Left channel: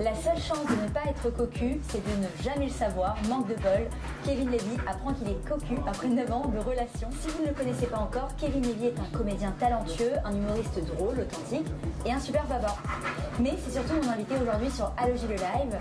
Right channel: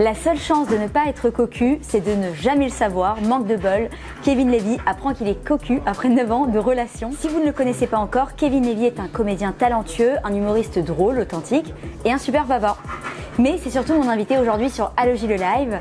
La seule chance de ne pas être cocu, c'est de ne jamais le savoir. Manque de bol, Kevin Levy apprend qu'il est cocu après 9 ans de relation. Si vous ne le connaissez pas encore, Kevin Levy est un comédien talentueux, un humoriste drôle, authentique et un super bavard. Mais c'est surtout mon invité aujourd'hui sur Allo J le Live.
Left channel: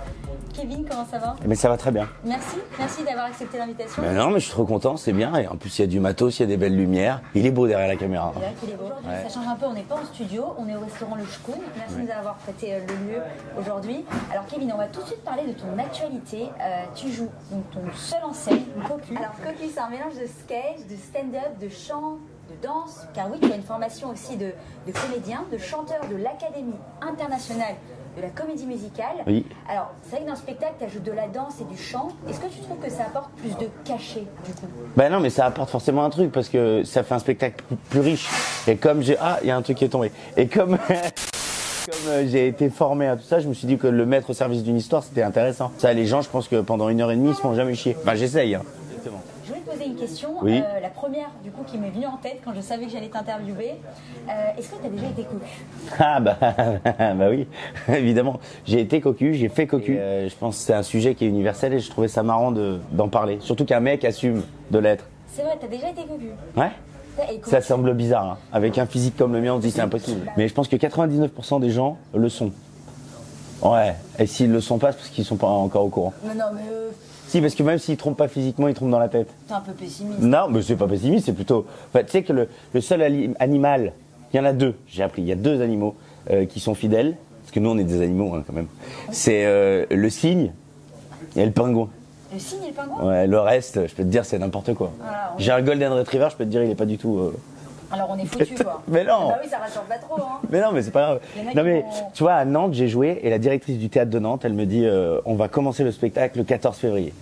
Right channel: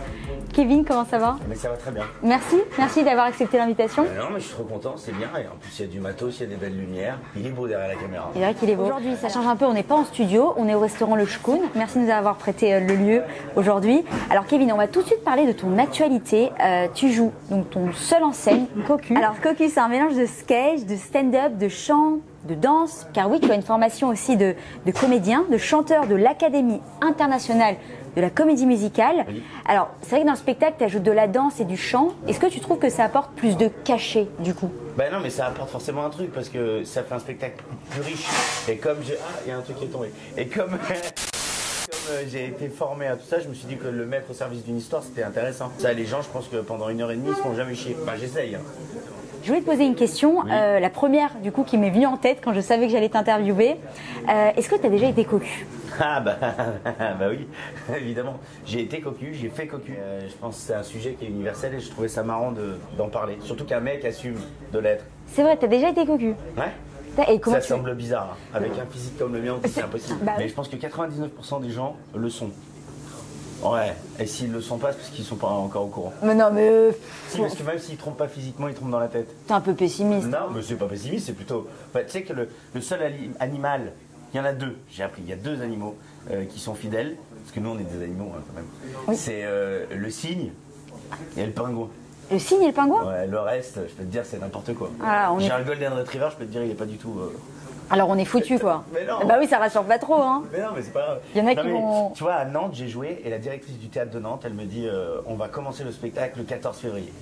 Kevin, comment ça va? Mais ça va très bien. Merci d'avoir accepté l'invitation. Non, mais je suis trop content, c'est bien. Et en plus, il y a du matos, il y a des belles lumières. Il est beau derrière la caméra. C'est vrai qu'il est beau. Aujourd'hui, ça change un peu. On n'est pas en studio, on est au restaurant Le Shkoun. Merci de nous avoir prêté le lieu aujourd'hui. Alors, Kevin, on va tout de suite parler de ton actualité. Tu joues donc ton seul en scène, Cocu. Alors, Cocu, c'est un mélange de sketch, de stand-up, de chant, de danse. Car oui, tu as une formation aussi de comédien, de chanteur de l'Académie internationale de la comédie musicale. Oui. Alors, c'est vrai que dans le spectacle, tu ajoutes de la danse et du chant. Est-ce que tu trouves que ça apporte plus de cachet, du coup? Ben non, mais ça apporte forcément un truc parce que ça fait un spectacle plus riche. Et comme j'ai... Ah, il y a un truc qui est tombé. Et comme... j'ai été formé à tout ça, je me suis dit que le mettre au service d'une histoire, c'était intéressant. Ça, les gens, je pense que pendant 1h30, ils se font jamais chier. Enfin, j'essaye. Hein. Je voulais te poser une question, Oui. La première du coup qui m'est venue en tête quand je savais que j'allais t'interviewer. Est-ce que tu as déjà été cocu? Ah bah oui, évidemment. J'ai été cocu, j'ai fait cocu. Je pense que c'est un sujet qui est universel et je trouvais ça marrant d'en parler. Surtout qu'un mec assume de l'être. C'est vrai, tu as déjà été cocu? Ouais. Et comment Ça semble bizarre. Hein. Avec un physique comme le mien, on se dit c'est impossible. Bah, Mais je pense que 99% des gens le sont. Ouais. Et s'ils le sont pas, c'est parce qu'ils sont pas encore au courant. Mais non, mais... Si, parce que même s'ils trompent pas physiquement, ils trompent dans la tête. T'es un peu pessimiste. Non, mais c'est pas pessimiste, c'est plutôt... Enfin, tu sais que le seul animal, il y en a deux, j'ai appris, il y a deux animaux qui sont fidèles, parce que nous on est des animaux hein, quand même. Oui. C'est le cygne et le pingouin. Le cygne et le pingouin? Ouais, le reste, je peux te dire, c'est n'importe quoi. Ah, j'ai un golden retriever, je peux te dire, il est pas du tout... Alors on est foutu quoi. Mais non. Bah oui, ça rassure pas trop hein. Mais non, mais c'est pas grave. Il y en a non, qui mais, vont... Tu vois, à Nantes, j'ai joué et la directrice du théâtre de Nantes, elle me dit on va commencer le spectacle le 14 février.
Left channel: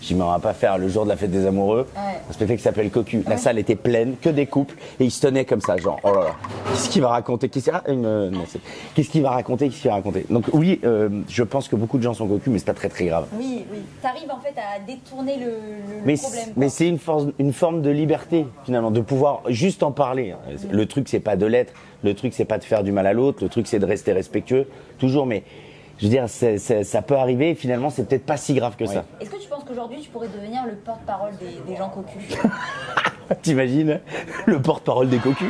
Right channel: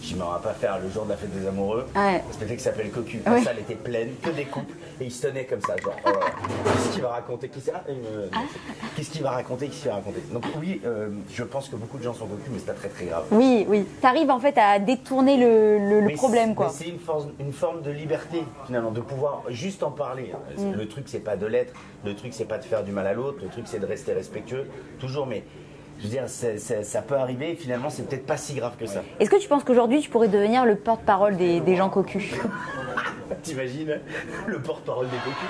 Je dis mais on va pas faire le jour de la fête des amoureux. Ouais. Un spectacle qui s'appelle Cocu. La Ouais. salle était pleine, que des couples et ils se tenaient comme ça, genre oh là là. Qu'est-ce qu'il va raconter? Qu'est-ce qu'il va raconter? Qu'est-ce qu'il va raconter? Donc oui, je pense que beaucoup de gens sont cocus, mais c'est pas très très grave. Oui, oui. T'arrives en fait à détourner le problème quoi. Mais c'est une forme de liberté finalement, de pouvoir juste en parler. Le truc c'est pas de l'être, le truc c'est pas de faire du mal à l'autre, le truc c'est de rester respectueux, toujours, mais je veux dire, ça peut arriver et finalement c'est peut-être pas si grave que ça. Est-ce que tu penses qu'aujourd'hui tu pourrais devenir le porte-parole des gens cocus? T'imagines le porte-parole des cocus?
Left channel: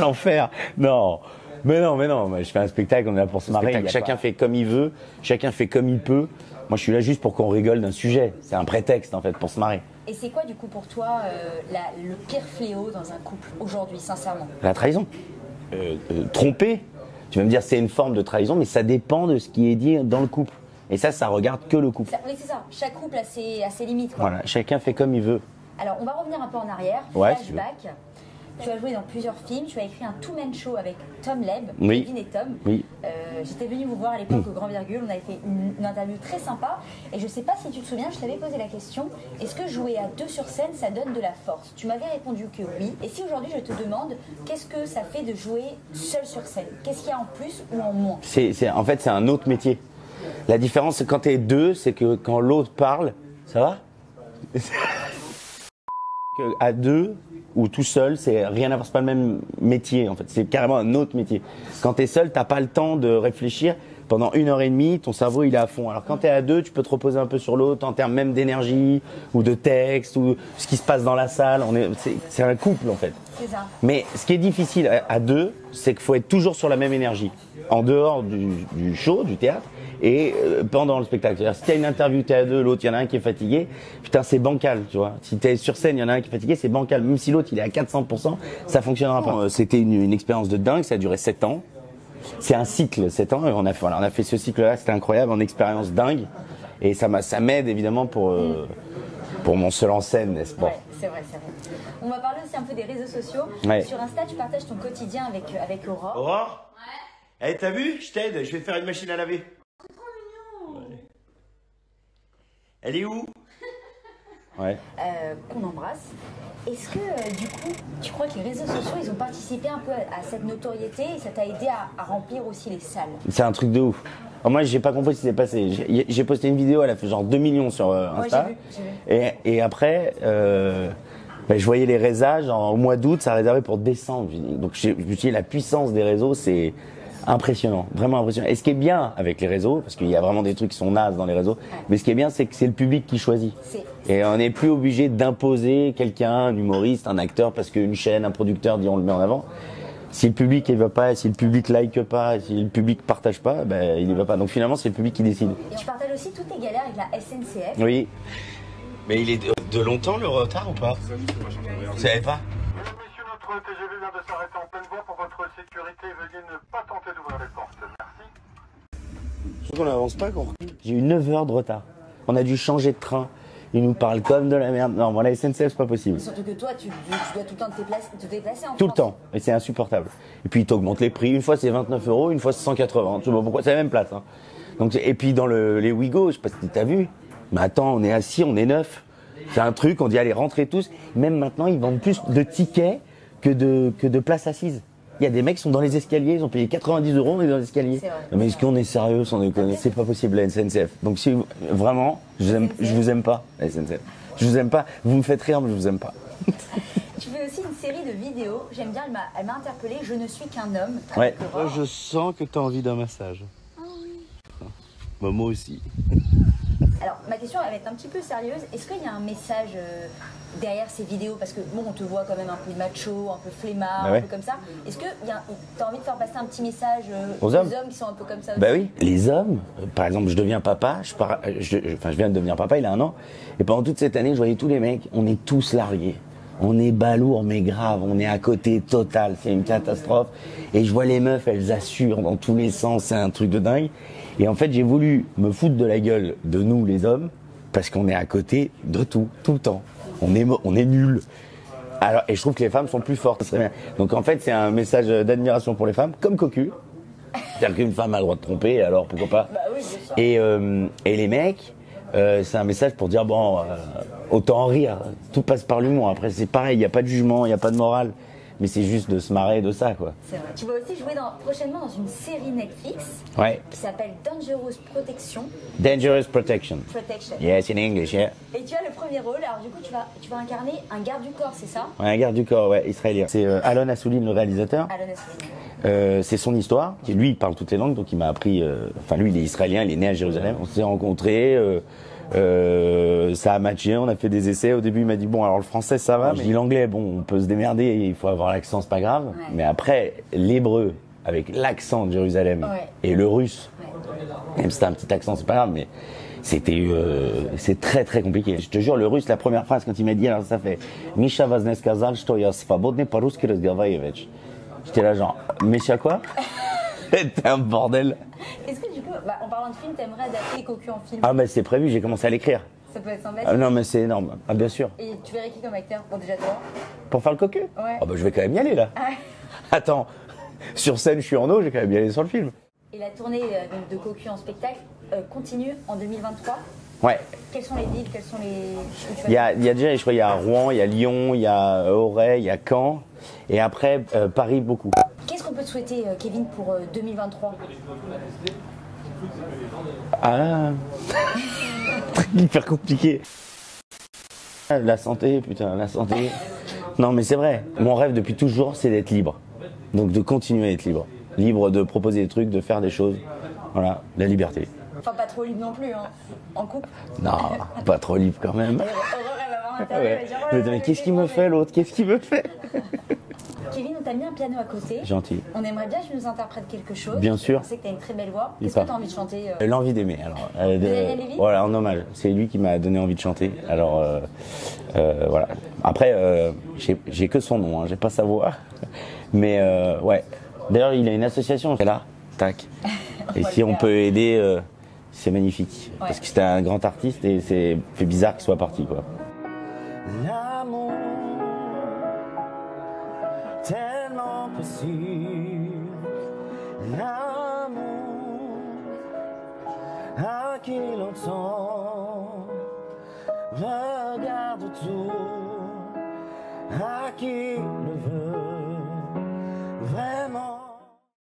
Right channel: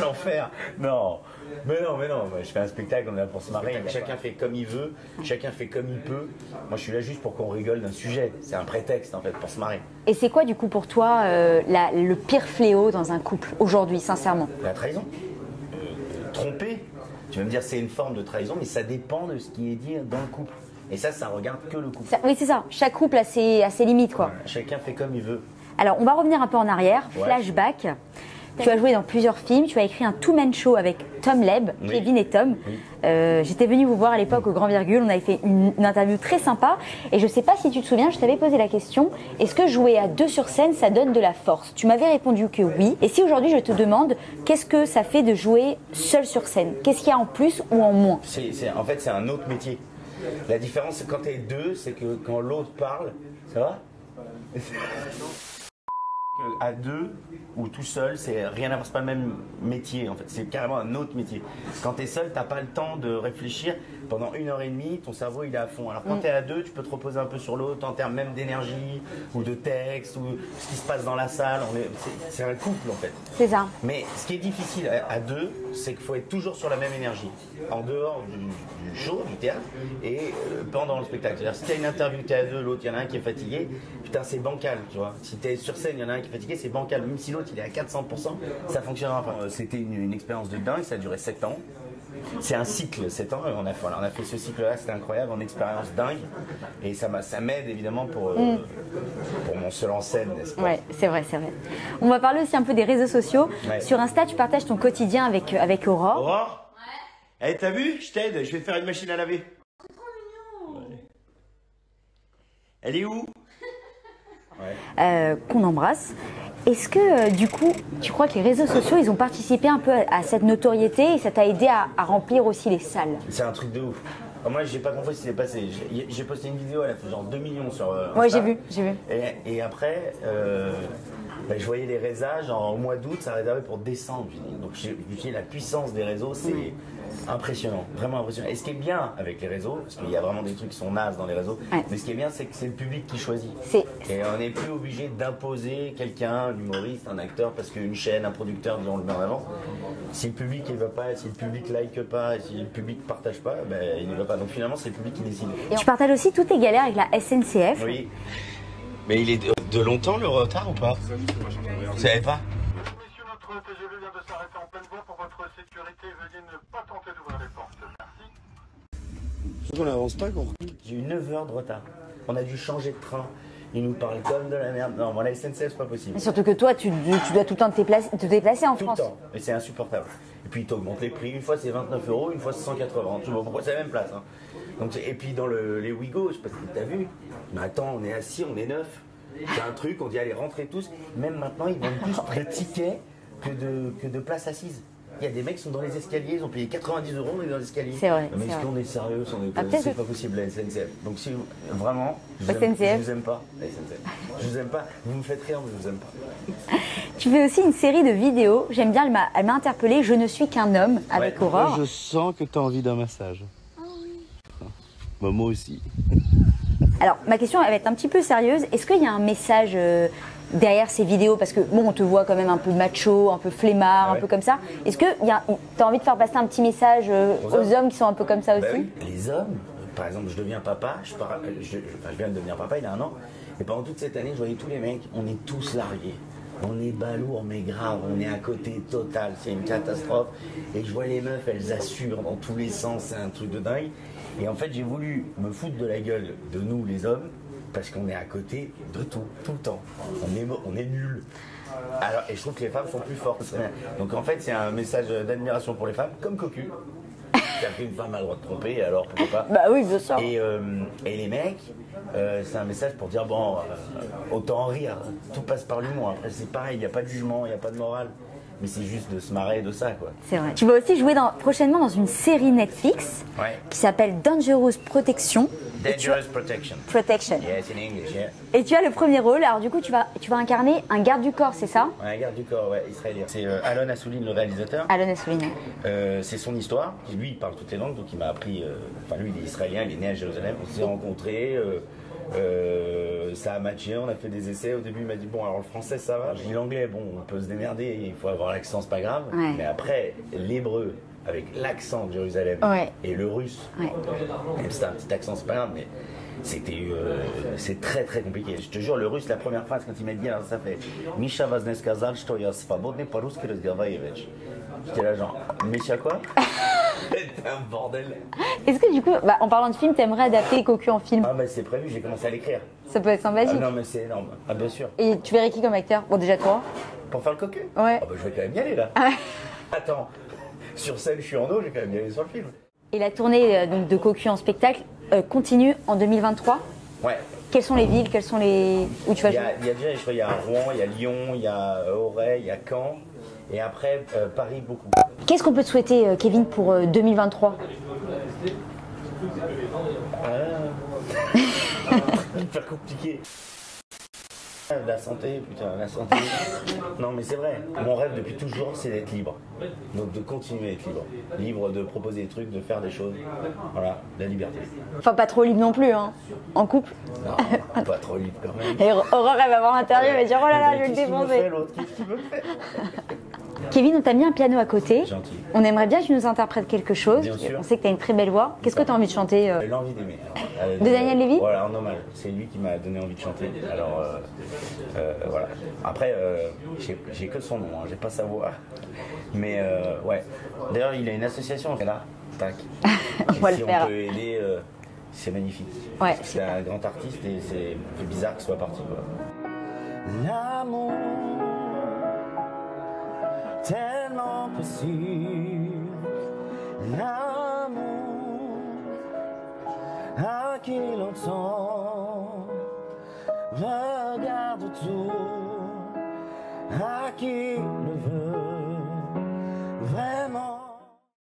L'enfer. Non. Mais non, moi, je fais un spectacle, on est là pour se marrer. Chacun fait comme il veut, chacun fait comme il peut. Moi, je suis là juste pour qu'on rigole d'un sujet. C'est un prétexte, en fait, pour se marrer. Et c'est quoi, du coup, pour toi, le pire fléau dans un couple, aujourd'hui, sincèrement? La trahison. Tromper. Tu vas me dire, c'est une forme de trahison, mais ça dépend de ce qui est dit dans le couple. Et ça regarde que le couple. Oui, c'est ça. Chaque couple a ses limites, quoi. Voilà, chacun fait comme il veut. Alors, on va revenir un peu en arrière. Ouais, Flashback. Tu as joué dans plusieurs films, tu as écrit un two-man show avec Tom Leb, Oui. Kevin et Tom. Oui. J'étais venue vous voir à l'époque au Grand Virgule, on avait fait une interview très sympa. Et je ne sais pas si tu te souviens, je t'avais posé la question, est-ce que jouer à deux sur scène, ça donne de la force? Tu m'avais répondu que oui. Et si aujourd'hui je te demande, qu'est-ce que ça fait de jouer seul sur scène? Qu'est-ce qu'il y a en plus ou en moins? En fait, c'est un autre métier. La différence, c'est quand tu es deux, c'est que quand l'autre parle, ça va? À deux ou tout seul, c'est rien à voir, c'est pas le même métier en fait, c'est carrément un autre métier. Quand tu es seul, t'as pas le temps de réfléchir. Pendant 1h30, ton cerveau il est à fond. Alors quand tu es à deux, tu peux te reposer un peu sur l'autre en termes même d'énergie ou de texte ou ce qui se passe dans la salle. C'est un couple en fait. C'est ça. Mais ce qui est difficile à deux, c'est qu'il faut être toujours sur la même énergie. En dehors du show, du théâtre et pendant le spectacle. C'est-à-dire si tu as une interview, tu es à deux, l'autre, il y en a un qui est fatigué, putain c'est bancal, tu vois. Si tu es sur scène, il y en a un qui est fatigué, c'est bancal. Même si l'autre il est à 400%, ça fonctionnera pas. C'était une expérience de dingue, ça a duré 7 ans. C'est un cycle, 7 ans, et on a fait ce cycle-là, c'était incroyable, en expérience dingue. Et ça m'aide évidemment pour mon seul en scène, n'est-ce pas? Ouais, c'est vrai, c'est vrai. On va parler aussi un peu des réseaux sociaux. Ouais. Sur Insta, tu partages ton quotidien avec Aurore. Aurore? Ouais. Eh, t'as vu? Je t'aide, je vais te faire une machine à laver. C'est trop mignon. Ouais. Elle est où? Ouais. Qu'on embrasse. Est-ce que du coup, tu crois que les réseaux sociaux, ils ont participé un peu à cette notoriété et ça t'a aidé à remplir aussi les salles? C'est un truc de ouf. Alors moi, j'ai pas compris ce qui s'est passé. J'ai posté une vidéo, elle a fait genre 2 millions sur Insta. Ouais, j'ai vu. Et après, je voyais les résas, genre au mois d'août, ça réservait pour décembre. Donc je me suis dit, la puissance des réseaux, c'est Impressionnant, vraiment impressionnant. Et ce qui est bien avec les réseaux, parce qu'il y a vraiment des trucs qui sont nazes dans les réseaux, mais ce qui est bien, c'est que c'est le public qui choisit. Et on n'est plus obligé d'imposer quelqu'un, un humoriste, un acteur, parce qu'une chaîne, un producteur dit on le met en avant. Si le public il va pas, si le public like pas, si le public partage pas, ben il y va pas. Donc finalement c'est le public qui décide. Et tu partages aussi toutes tes galères avec la SNCF. Oui. Mais il est de longtemps le retard ou pas? Vous savez pas? Messieurs, notre TGV vient de s'arrêter en pleine voie pour votre sécurité. Veuillez ne pas tenter d'ouvrir les portes. Merci. Sauf qu'on n'avance pas, quoi. J'ai eu 9 heures de retard. On a dû changer de train. Ils nous parlent comme de la merde. Non, bon, la SNCF, c'est pas possible. Et surtout que toi, tu dois tout le temps te déplacer en France. Tout le temps. Et c'est insupportable. Et puis, ils t'augmentent les prix. Une fois, c'est 29 €, une fois, c'est 180. Je sais pas pourquoi. C'est la même place. Hein. Donc, et puis, dans les Ouigo, je sais pas si t'as vu. Mais attends, on est assis, on est 9. C'est un truc, on dit allez, rentrez tous. Même maintenant, ils vendent plus de tickets que de places assises. Il y a des mecs qui sont dans les escaliers, ils ont payé 90 €, on est dans les escaliers. C'est vrai. Mais est-ce qu'on est sérieux sans déconner? C'est pas possible la SNCF. Donc si vraiment, je vous aime pas, la SNCF. Je vous aime pas. Vous me faites rire, mais je vous aime pas. Tu fais aussi une série de vidéos. J'aime bien, elle m'a interpellée. Je ne suis qu'un homme avec Aurore. Je sens que tu as envie d'un massage. Ah oui. Bah, moi aussi. Alors, ma question elle va être un petit peu sérieuse. Est-ce qu'il y a un message derrière ces vidéos? Parce que, bon, on te voit quand même un peu macho, un peu flemmard, un peu comme ça. Est-ce que tu as envie de faire passer un petit message aux hommes qui sont un peu comme ça aussi? Bah oui. Les hommes, par exemple, je deviens papa, je viens de devenir papa, il a 1 an. Et pendant toute cette année, je voyais tous les mecs, on est tous largués. On est balourd, mais grave, on est à côté total, c'est une catastrophe. Et je vois les meufs, elles assurent dans tous les sens, c'est un truc de dingue. Et en fait, j'ai voulu me foutre de la gueule de nous, les hommes, parce qu'on est à côté de tout le temps. On est nuls. Alors, et je trouve que les femmes sont plus fortes. Donc en fait, c'est un message d'admiration pour les femmes, comme Cocu. C'est-à-dire qu'une femme a le droit de tromper, alors pourquoi pas? Bah oui, bien sûr. Et les mecs, c'est un message pour dire, bon, autant en rire. Tout passe par l'humour. Après, c'est pareil, il n'y a pas de jugement, il n'y a pas de morale. Mais c'est juste de se marrer de ça, quoi. C'est vrai. Tu vas aussi jouer prochainement dans une série Netflix qui s'appelle Dangerous Protection. Dangerous Protection. Protection. Yes, in English, yeah. Et tu as le premier rôle. Alors du coup, tu vas incarner un garde du corps, c'est ça? Ouais, un garde du corps, ouais, israélien. C'est Alon Assouline, le réalisateur. Alon Assouline. C'est son histoire. Lui, il parle toutes les langues, donc il m'a appris... Enfin, lui, il est israélien, il est né à Jérusalem. On s'est rencontrés... ça a matché, on a fait des essais. Au début, il m'a dit bon, alors le français ça va, je dis l'anglais, bon, on peut se démerder, il faut avoir l'accent, c'est pas grave. Ouais. Mais après, l'hébreu avec l'accent de Jérusalem et le russe, même si t'as un petit accent, c'est pas grave, mais c'est très très compliqué. Je te jure, le russe, la première phrase quand il m'a dit, alors ça fait Misha vaznes kazal что я свободный по-русски разговаривать. J'étais là genre, Misha quoi? C'était un bordel. Est-ce que du coup, en parlant de film, t'aimerais adapter Cocu en film? Ah bah c'est prévu, j'ai commencé à l'écrire. Ça peut être sympathique. Ah non mais c'est énorme, ah bien sûr. Et tu verrais qui comme acteur? Bon déjà toi. Pour faire le Cocu? Ouais. Ah bah je vais quand même y aller là. Ah ouais. Attends, sur scène je suis en eau, je vais quand même y aller sur le film. Et la tournée donc, de Cocu en spectacle continue en 2023? Ouais. Quelles sont les villes? Quelles sont les... Où tu vas il y a déjà, je crois, il y a Rouen, il y a Lyon, il y a Auray, il y a Caen. Et après, Paris, beaucoup. Qu'est-ce qu'on peut te souhaiter, Kevin, pour 2023? Ah, hyper compliqué. La santé, putain, la santé. Non, mais c'est vrai. Mon rêve depuis toujours, c'est d'être libre. Donc de continuer à être libre. Libre de proposer des trucs, de faire des choses. Voilà, la liberté. Enfin, pas trop libre non plus, hein. En couple? Non, pas trop libre quand même. Et Aurore, elle va voir l'interview, elle va dire oh là là, qu'est-ce qu'il me fait l'autre? Qu'est-ce qu'il me fait? Kevin, on t'a mis un piano à côté. Gentil. On aimerait bien que tu nous interprètes quelque chose. Bien sûr. On sait que tu as une très belle voix. Qu'est-ce que tu as envie de chanter L'envie d'aimer. Alors, de Daniel Lévy? Voilà, en hommage. C'est lui qui m'a donné envie de chanter. Alors, voilà. Après, j'ai que son nom, hein, j'ai pas sa voix. Mais ouais. D'ailleurs, il a une association. C'est là. Tac. Et si on peut aider, c'est magnifique. Parce que c'est un grand artiste et c'est fait bizarre qu'il soit parti, quoi. L'amour tellement possible, l'amour à qui l'entend, regarde tout, à qui le veut.